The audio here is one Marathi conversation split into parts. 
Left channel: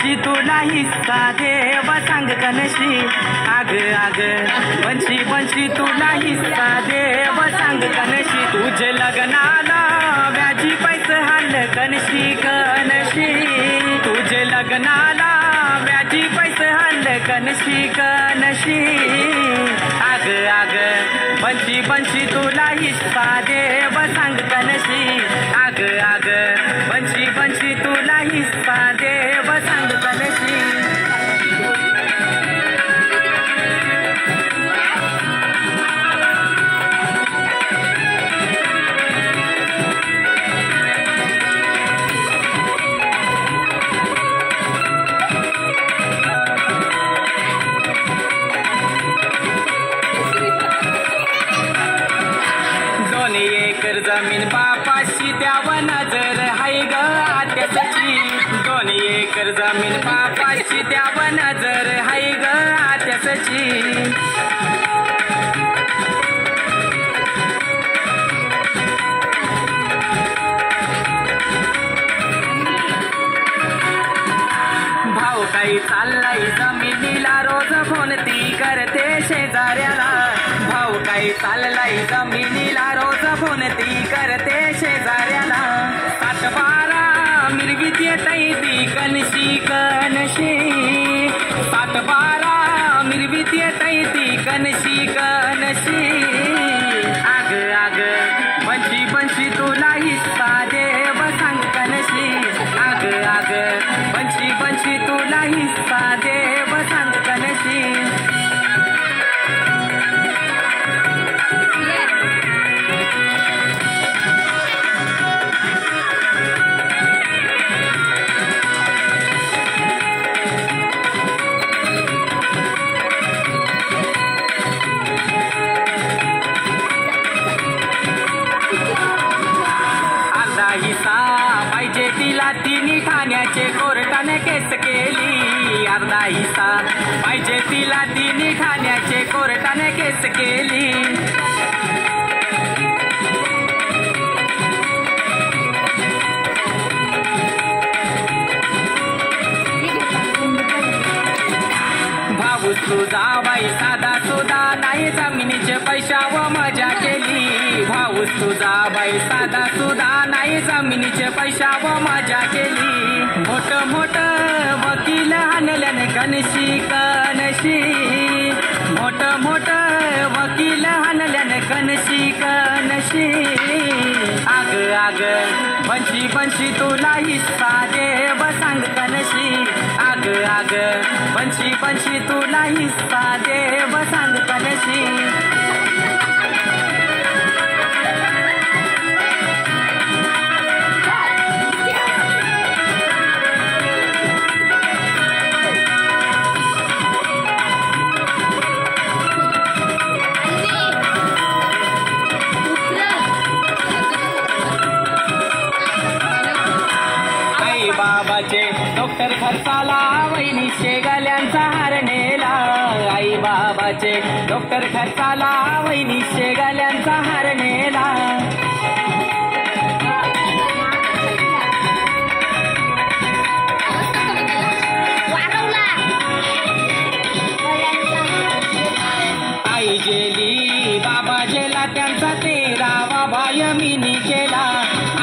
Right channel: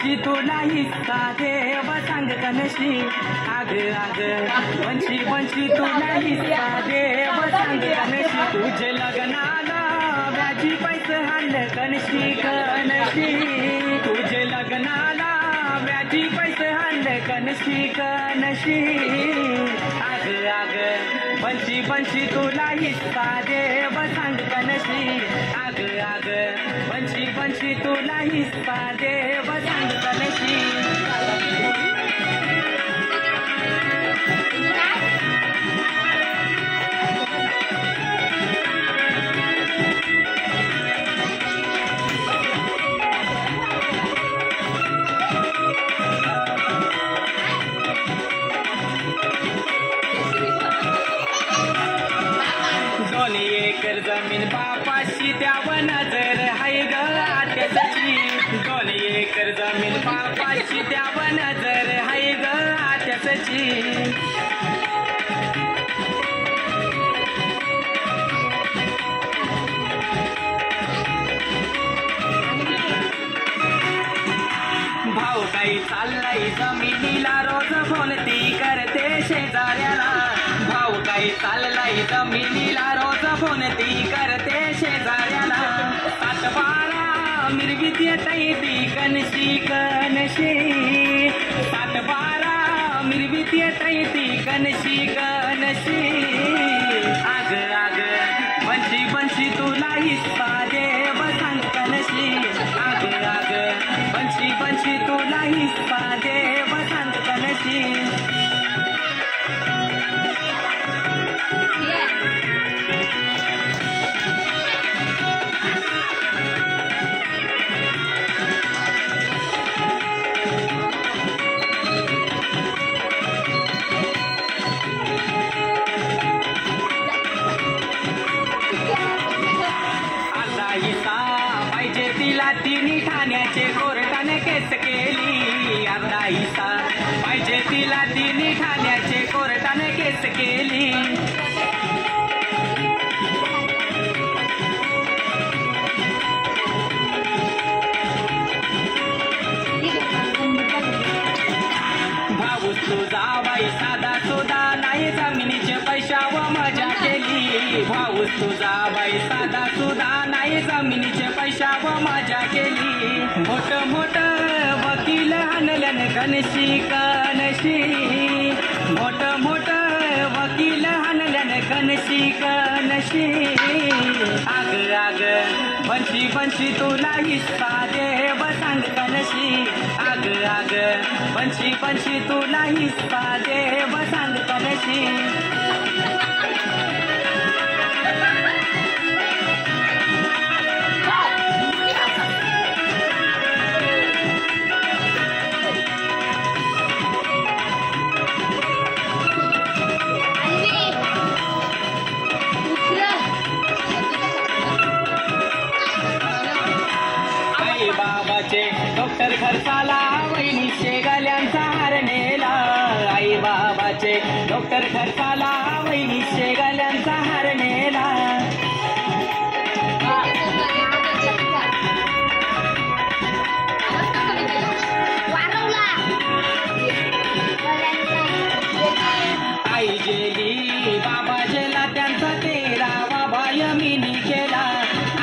बनशी तुला हिस्सा देव सांग कनशी आग आग बनशी बनशी तुला हिस्सा देव सांग कनशी तुझे लग्नाला व्याजी पैसे हाल कनशी कनशी तुझे लग्नाला व्याजी पैसे हाल कनशी कनशी आग आग बनशी बनशी तुला हिस्सा देव सांग कनशी आग आग बनशी बनशी तुला हिस्सा देव सांग कनशी जमीन बापाशी द्यावं नजर हाय ग आत्याची 2 एकर जमीन बापाशी द्यावं नजर हाय ग आत्याची भाऊ काही चाललाय जमिनीला रोज फोन ती करते शेजाऱ्याला भाऊ काही चाललाय जमिनीला रोज फोन ती करते शेजाऱ्याला 7-12 मिरवीत येतय ती कनशी कनशी 7-12 मिरवीत येतय ती कनशी कनशी आग आग बनशी बनशी तुला हिस्सा देव सांग कनशी आग आग बनशी बनशी तुला हिस्सा देव सांग कनशी पाहिजे तिला तिने ठाण्याचे कोर्टाने केस केली अर्धा हिस्सा पाहिजे तिला तिने ठाण्याचे कोर्टाने केस केली भाऊ तुझा बाई साधा सुधा नाही जमिनीचे पैशावर मजा केली भाऊ तुझा बाई साधा सुधा नाही जमिनीचे पैशावर मजा केली मोठ मोठ वकील आणल्याने कनशी कनशी मोठ मोठ वकील आणल्याने कनशी कनशी आग आग बनशी बनशी तुला हिस्सा देव सांग कनशी आग आग बनशी बनशी तुला हिस्सा देव सांग कनशी बाबाचे डॉक्टर खर्चाला वहिनी शेगाल्यांचा हार नेला आई बाबाचे डॉक्टर खर्चाला वहिनी शेगाल्यांचा हार नेला आई गेली बाबा गेला त्यांचा 13वा भायमिनी केला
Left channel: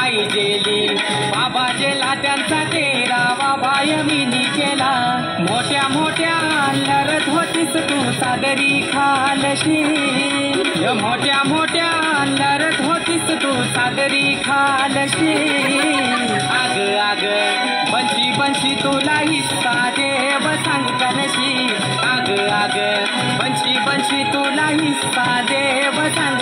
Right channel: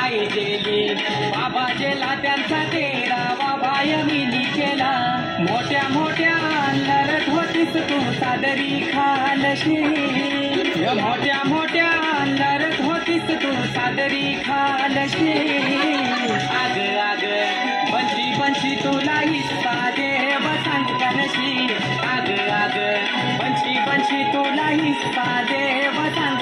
आई गेली बाबा गेला त्यांचा 13वा भायमिनी केला मोठ्या मोठ्या लढत होतीस तू सादरी खालशी मोठ्या मोठ्या लढत होतीस तू सादरी खालशी आग आग बनशी बनशी तुला हिस्सा देव सांग कनशी आग आग बनशी बनशी तुला हिस्सा देव सांग